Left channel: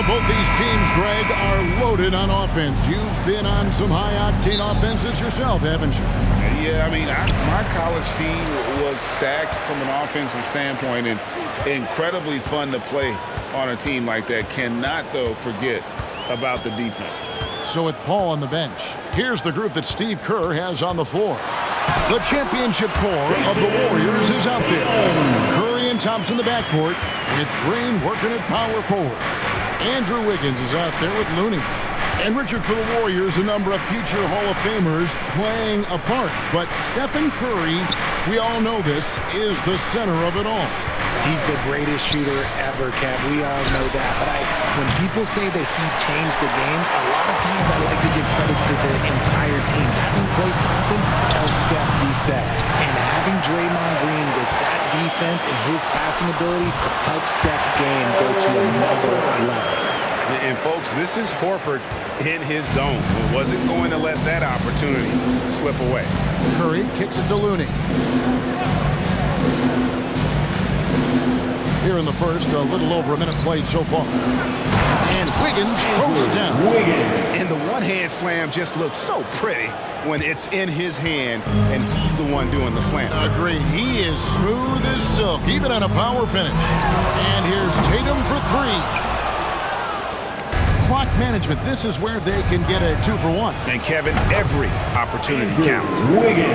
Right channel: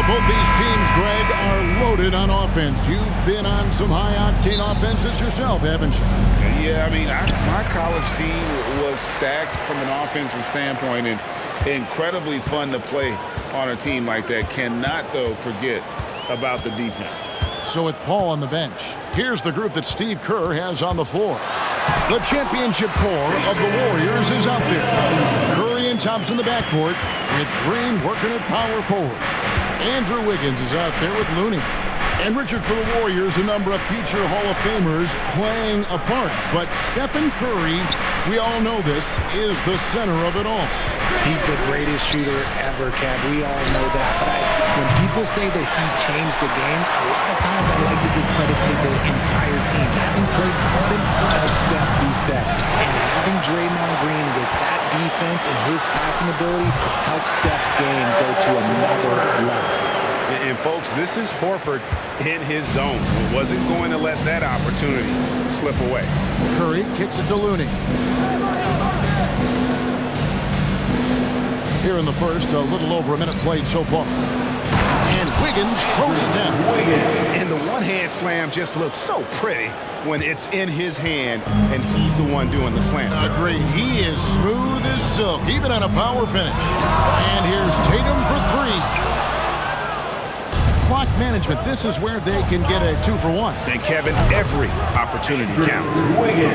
Well, both these teams, Greg, are loaded on offense. You've been on some high-octane offenses yourself, haven't you? Yeah, I mean, my college team was stacked from an offensive standpoint and incredibly fun to play on a team like that. Cannot, though, forget about the defense. So with Paul on the bench, here's the group that Steve Kerr has on the floor. The championship core of the Warriors is out there. Curry and Thompson in the backcourt, with Green working at power forward. Andrew Wiggins is out there with Looney. And Richard, for the Warriors, a number of future Hall of Famers playing a part. But Stephen Curry, we all know this, is the center of it all. He's the greatest shooter ever, Kev. We all know that. But when people say that he changed the game, a lot of times I like to give credit to the entire team. Having Klay Thompson helped Steph be Steph. And having Draymond Green with that defense and his passing ability helped Steph's game go to another level. And folks, this is Horford in his zone. Wasn't going to let that opportunity slip away. Curry kicks it to Looney. Here in the first, a little over a minute played so far. And Wiggins throws it down. And the one-hand slam just looks so pretty when it's in his hand and he's the one doing the slam. Agreed. He is smooth as silk, even on a power finish. And here's Tatum for three. Clock management, this is where they can get a 2-for-1. And Kevin, every opportunity counts.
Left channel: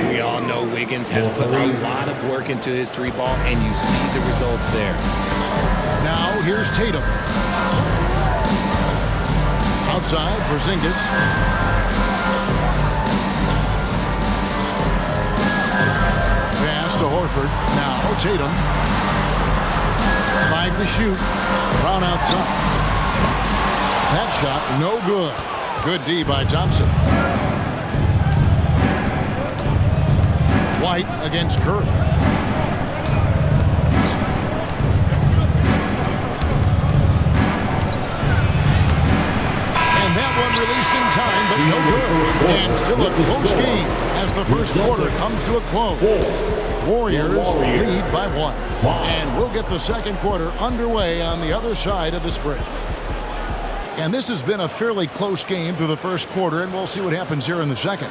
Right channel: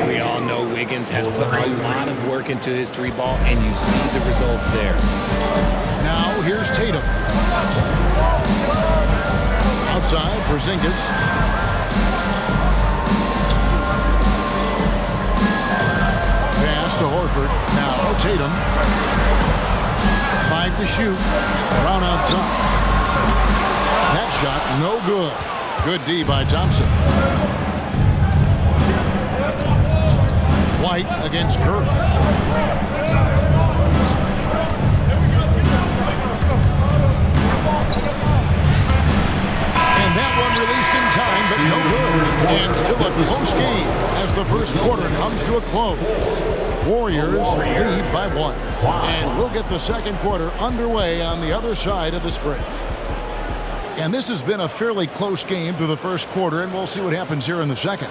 We all know Wiggins has put a lot of work into his three ball, and you see the results there. Now here's Tatum. Outside, Porzingis. Pass to Horford. Now Tatum. 5 to shoot. Brown outside. That shot, no good. Good D by Thompson. White against Curry. And that one released in time, but no good. And still a close game as the first quarter comes to a close. Warriors lead by 1. And we'll get the second quarter underway on the other side of this break. And this has been a fairly close game through the first quarter, and we'll see what happens here in the second.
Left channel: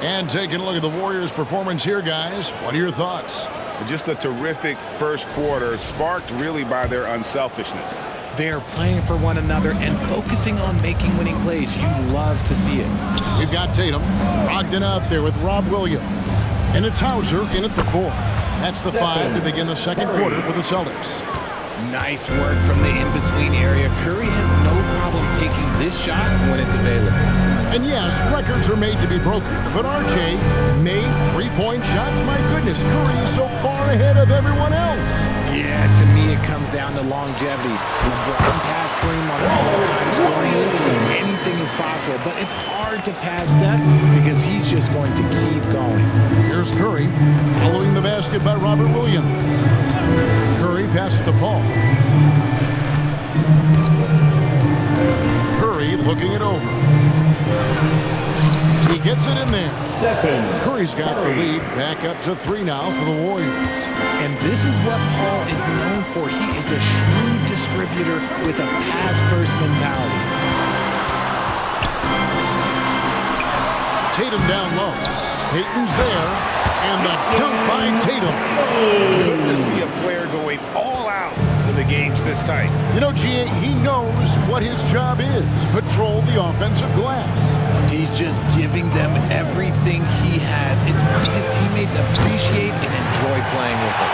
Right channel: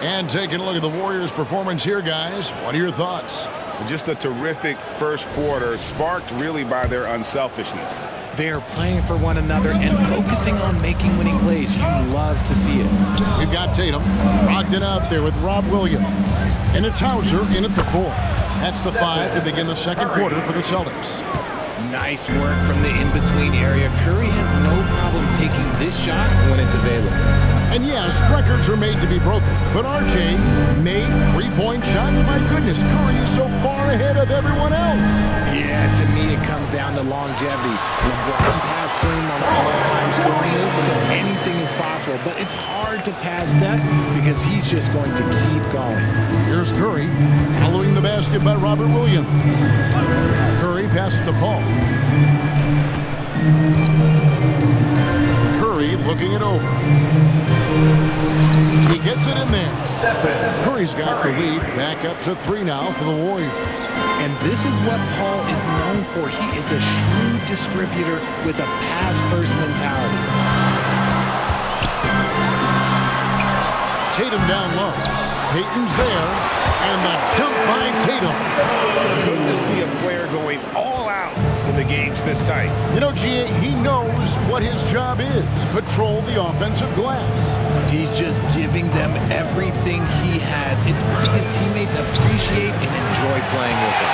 And taking a look at the Warriors' performance here, guys, what are your thoughts? Just a terrific first quarter, sparked really by their unselfishness. They are playing for one another and focusing on making winning plays. You love to see it. We've got Tatum, Brogdon out there with Rob Williams. And it's Hauser in at the 4. That's the 5 to begin the second quarter for the Celtics. Nice work from the in-between area. Curry has no problem taking this shot when it's available. And yes, records are made to be broken. But RJ made three-point shots. My goodness, Curry is so far ahead of everyone else. Yeah, to me it comes down to longevity. LeBron passed Kareem on all-time scoring list, so anything is possible. But it's hard to pass Steph because he's just going to keep going. Here's Curry, following the basket by Robert Williams. Curry passes to Paul. Curry looking it over. He gets it in there. Curry's got the lead back up to 3 now for the Warriors. And this is what Paul is known for. He is a shrewd distributor with a pass-first mentality. Tatum down low. Payton's there. And the dunk by Tatum. Good to see a player going all out when the game's this tight. You know, G.A., he knows what his job is. Patrol the offensive glass. He's just giving them everything he has. It's why his teammates appreciate and enjoy playing with him.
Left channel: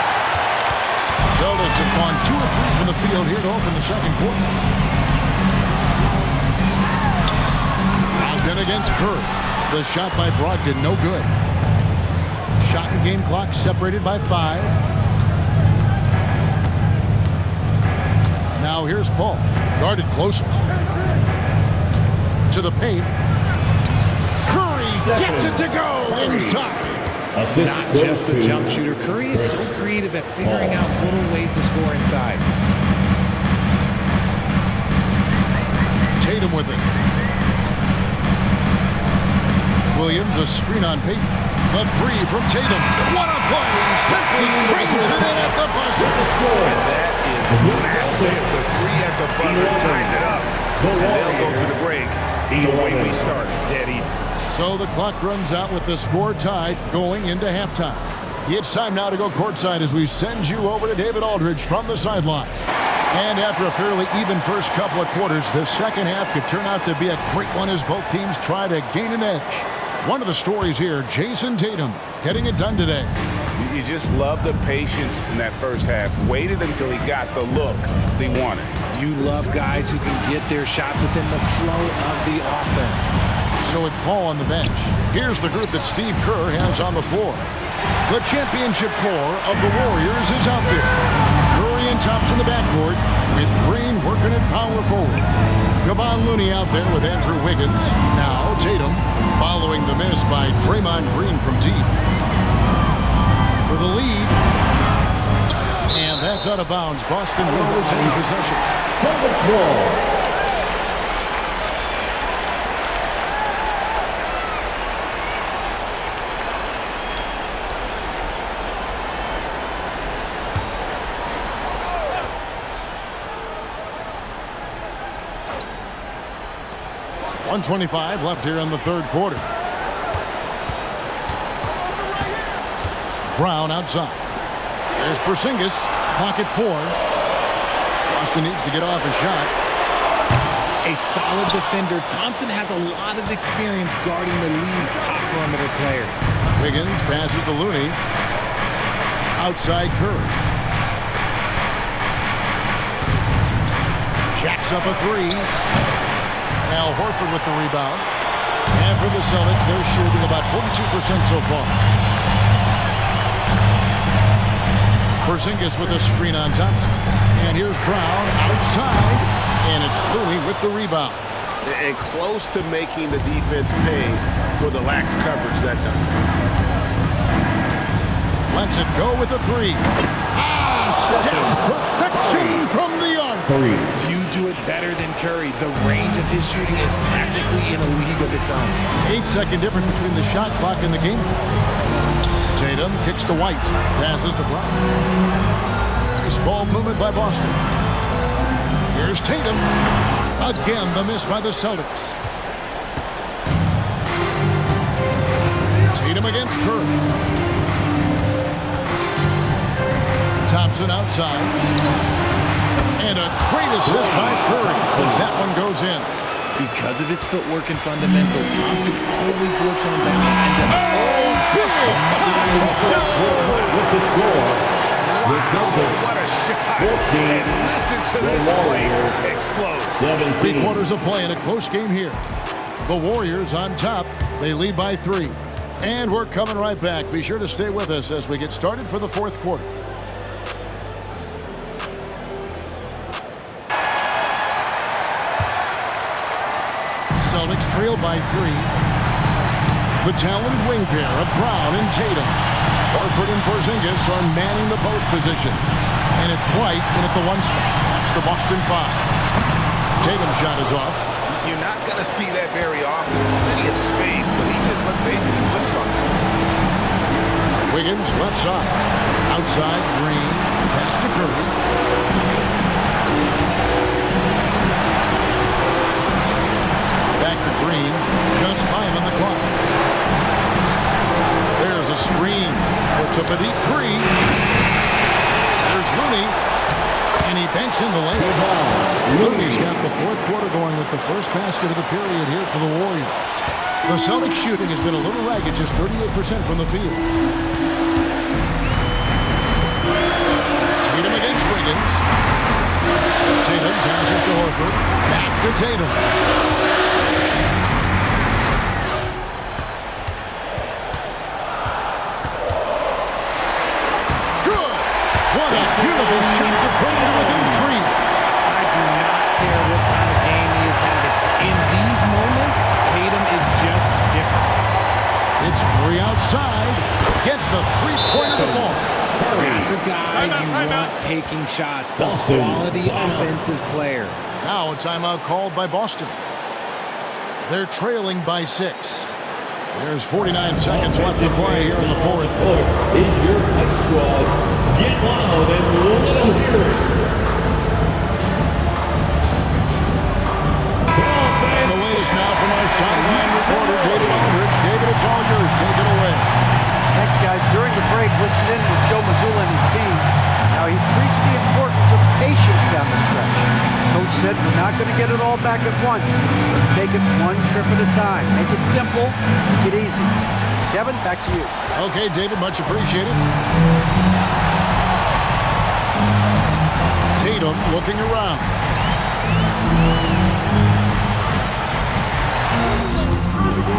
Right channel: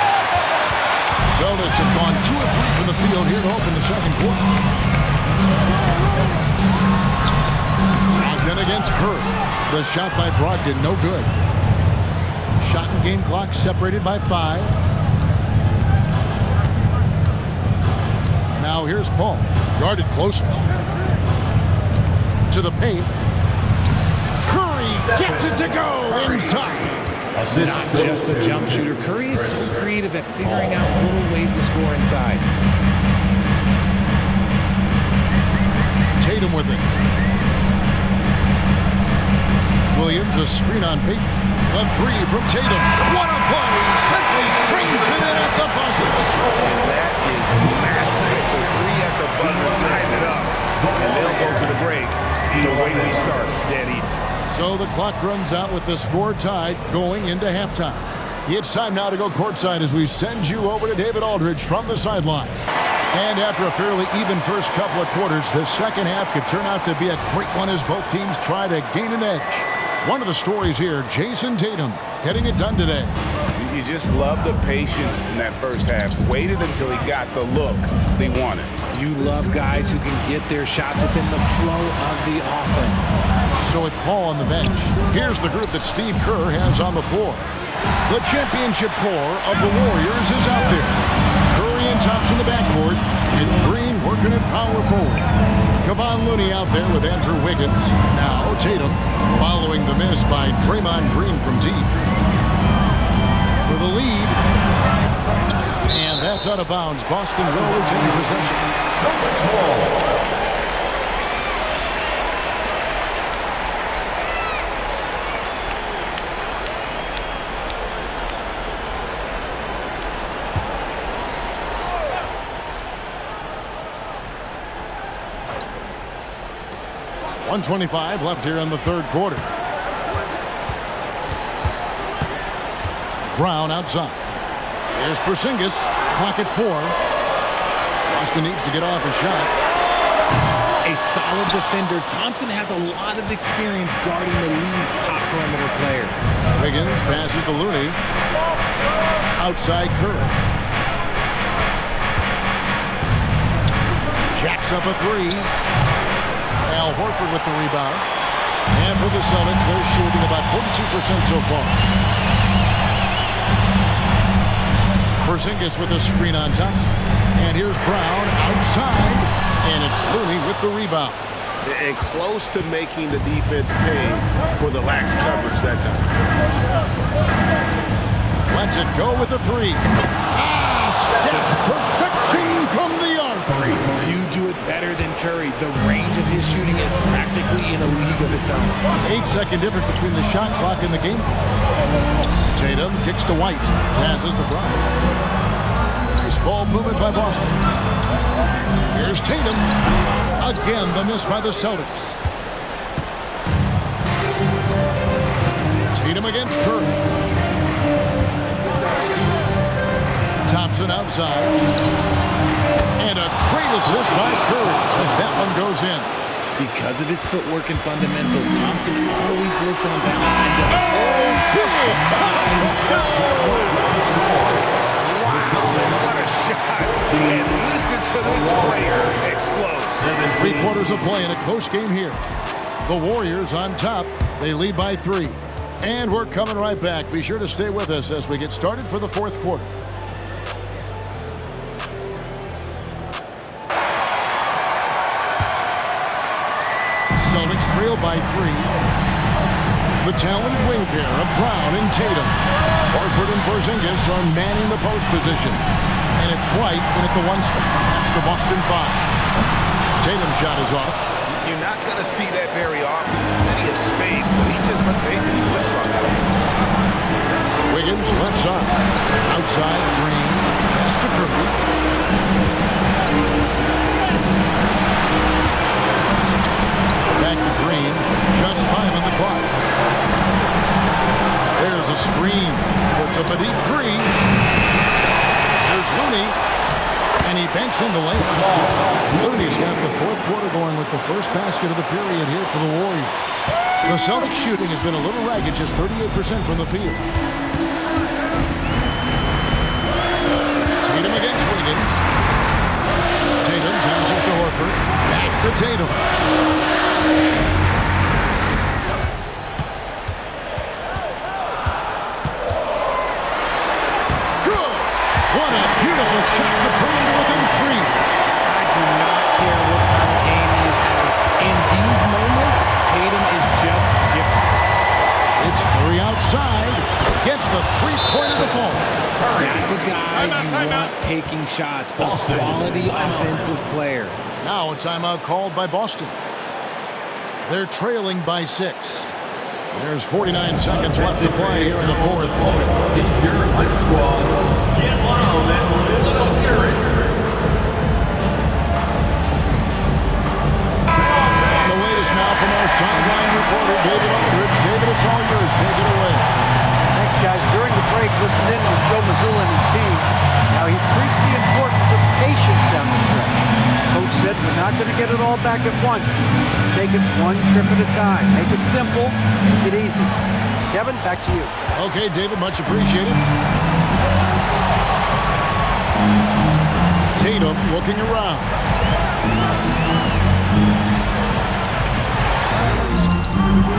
Celtics have gone 2 of 3 from the field here to open the second quarter. Brogdon against Curry. The shot by Brogdon, no good. Shot and game clock separated by 5. Now here's Paul, guarded closer. To the paint. Curry gets it to go inside. Not just a jump shooter. Curry is so creative at figuring out little ways to score inside. Tatum with it. Williams, a screen on Payton. A 3 from Tatum. What a play! Simply trains it in at the buzzer. And that is massive. The 3 at the buzzer ties it up. and they'll go to the break the way we started, dead even. So the clock runs out with the score tied going into halftime. It's time now to go courtside as we send you over to David Aldridge from the sideline. And after a fairly even first couple of quarters, the second half could turn out to be a great one as both teams try to gain an edge. One of the stories here, Jason Tatum, getting it done today. You just love the patience in that first half. Waited until he got the look they wanted. You love guys who can get their shots within the flow of the offense. So with Paul on the bench, here's the group that Steve Kerr has on the floor. The championship core of the Warriors is out there. Curry and Thompson in the backcourt, with Green working at power forward. Kevon Looney out there with Andrew Wiggins. Now Tatum, following the miss by Draymond Green from deep. For the lead. And that's out of bounds. Boston will retain possession. .125 left here in the third quarter. Brown outside. There's Porzingis. Clock at 4. Boston needs to get off a shot. A solid defender. Thompson has a lot of experience guarding the league's top perimeter players. Wiggins passes to Looney. Outside Curry. Jacks up a 3. Al Horford with the rebound. And for the Celtics, they're shooting about 42% so far. Porzingis with a screen on Thompson. And here's Brown outside. And it's Looney with the rebound. And close to making the defense pay for the lax coverage that time. Lets it go with a 3. Steph, perfection from the arc. Few do it better than Curry. The range of his shooting is practically in a league of its own. 8-second difference between the shot clock and the game clock. Tatum kicks to White, passes to Brown. Nice ball movement by Boston. Here's Tatum. Again, the miss by the Celtics. Tatum against Curry. Thompson outside. And a great assist by Curry as that one goes in. Because of his footwork and fundamentals, Thompson always looks on balance and does Big time shot! Wow, what a shot. And listen to this place explode. 3 quarters of play in a close game here. The Warriors on top. They lead by 3. And we're coming right back. Be sure to stay with us as we get started for the fourth quarter. Celtics trail by 3. The talented wing pair of Brown and Tatum. Horford and Porzingis are manning the post position. And it's White in at the 1 spot. That's the Boston 5. Tatum's shot is off. You're not going to see that very often. Plenty of space, but he just, let's face it, he whiffs on that one. Wiggins left side. Outside Green. Pass to Curry. Back to Green. Just 5 on the clock. There's a screen. Puts up a deep 3. There's Looney. And he banks in the lane. Looney's got the fourth quarter going with the first basket of the period here for the Warriors. The Celtics shooting has been a little ragged, just 38% from the field. Tatum against Wiggins. Tatum passes to Horford. Back to Tatum. What a beautiful shot to bring him to within 3. I do not care what kind of game he is having. In these moments, Tatum is just different. It's Curry outside. Gets the 3-pointer to fall. That's a guy you want taking shots. A quality offensive player. Now a timeout called by Boston. They're trailing by 6. There's 49 seconds left to play here in the fourth. Is your fight squad. Get loud and let them hear it. from our sideline reporter, David Aldridge. David, it's all yours. Take it away. Thanks, guys. During the break, listened in with Joe Mazzulla and his team. Now, he preached the importance of patience down the stretch. Coach said, we're not going to get it all back at once. Let's take it one trip at a time. Make it simple, make it easy. Kevin, back to you. Okay, David, much appreciated. Tatum looking around.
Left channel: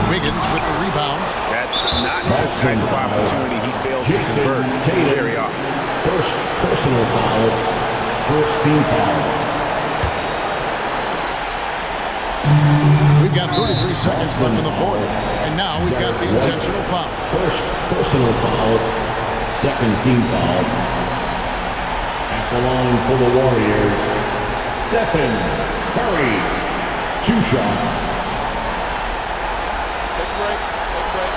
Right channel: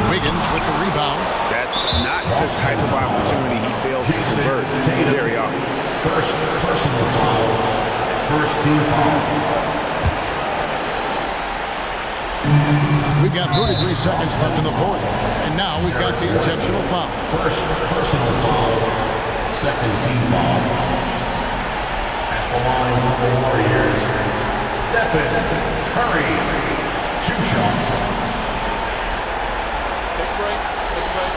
Wiggins with the rebound. That's not the type of opportunity he fails to convert very often. First personal foul. First team foul. We've got 33 seconds left in the fourth. And now we've got the intentional foul. First personal foul. Second team foul. At the line for the Warriors, Stephen Curry. 2 shots. Take a break. Take a break.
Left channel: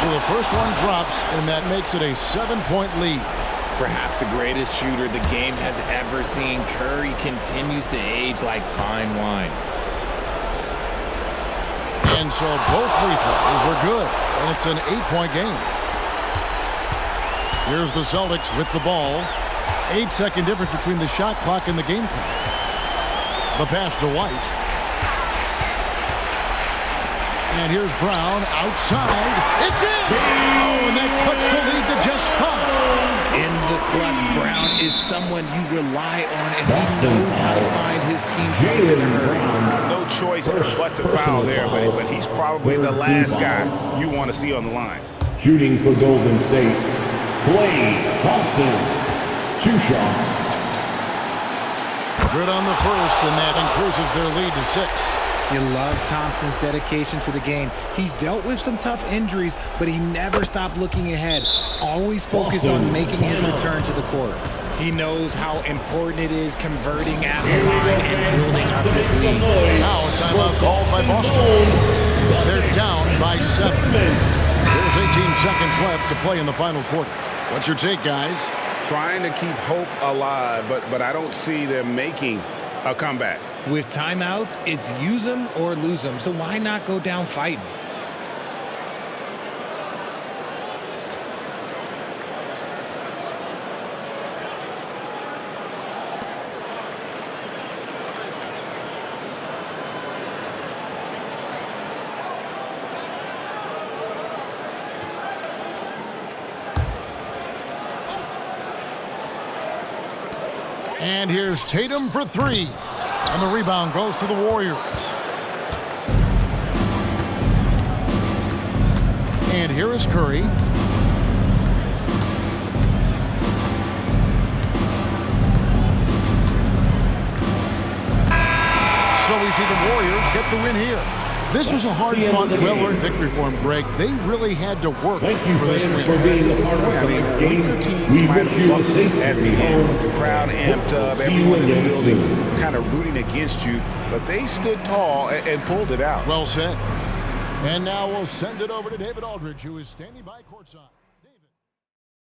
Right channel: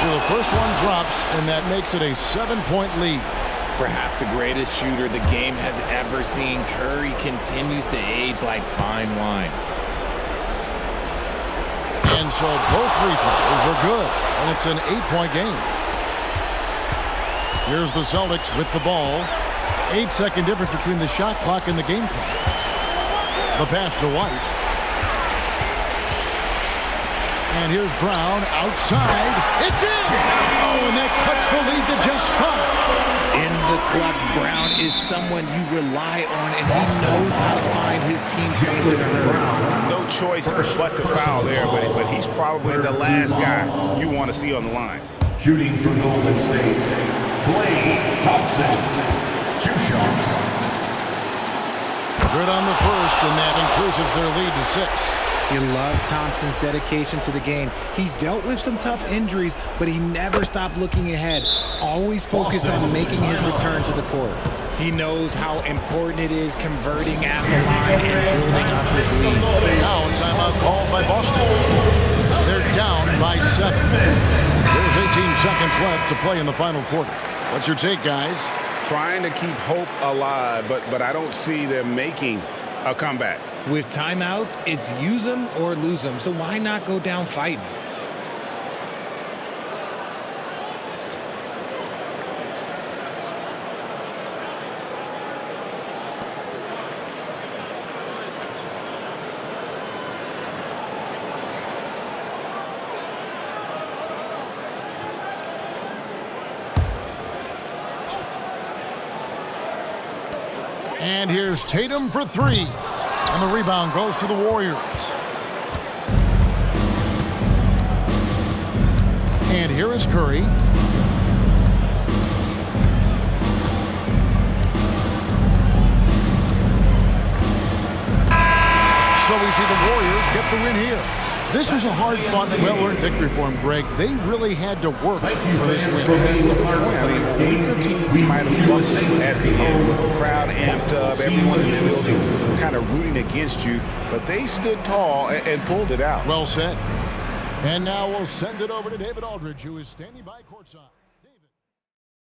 So the first one drops, and that makes it a 7-point lead. Perhaps the greatest shooter the game has ever seen, Curry continues to age like fine wine. And so both free throws are good, and it's an 8-point game. Here's the Celtics with the ball. 8-second difference between the shot clock and the game clock. The pass to White. And here's Brown outside. It's in! Oh, and that cuts the lead to just 5. In the clutch, Brown is someone you rely on, and he knows how to find his team points in a hurry. No choice but to foul there, but he's probably the last guy you want to see on the line. Shooting for Golden State, Klay Thompson. 2 shots. Good on the first, and that increases their lead to 6. You love Thompson's dedication to the game. He's dealt with some tough injuries, but he never stopped looking ahead. Always focused on making his return to the court. He knows how important it is converting at the line and building up this lead. Now a timeout called by Boston. They're down by 7. There's 18 seconds left to play in the final quarter. What's your take, guys? Trying to keep hope alive, but I don't see them making a comeback. With timeouts, it's use them or lose them, so why not go down fighting? And here's Tatum for 3. And the rebound goes to the Warriors. And here is Curry. So we see the Warriors get the win here. This was a hard-fought, well-earned victory for them, Greg. They really had to work for this win. That's a good point. I mean, weaker teams might have buckled at the end with the crowd amped up, everyone in the building kind of rooting against you, but they stood tall and pulled it out. Well said. And now we'll send it over to David Aldridge, who is standing by courtside.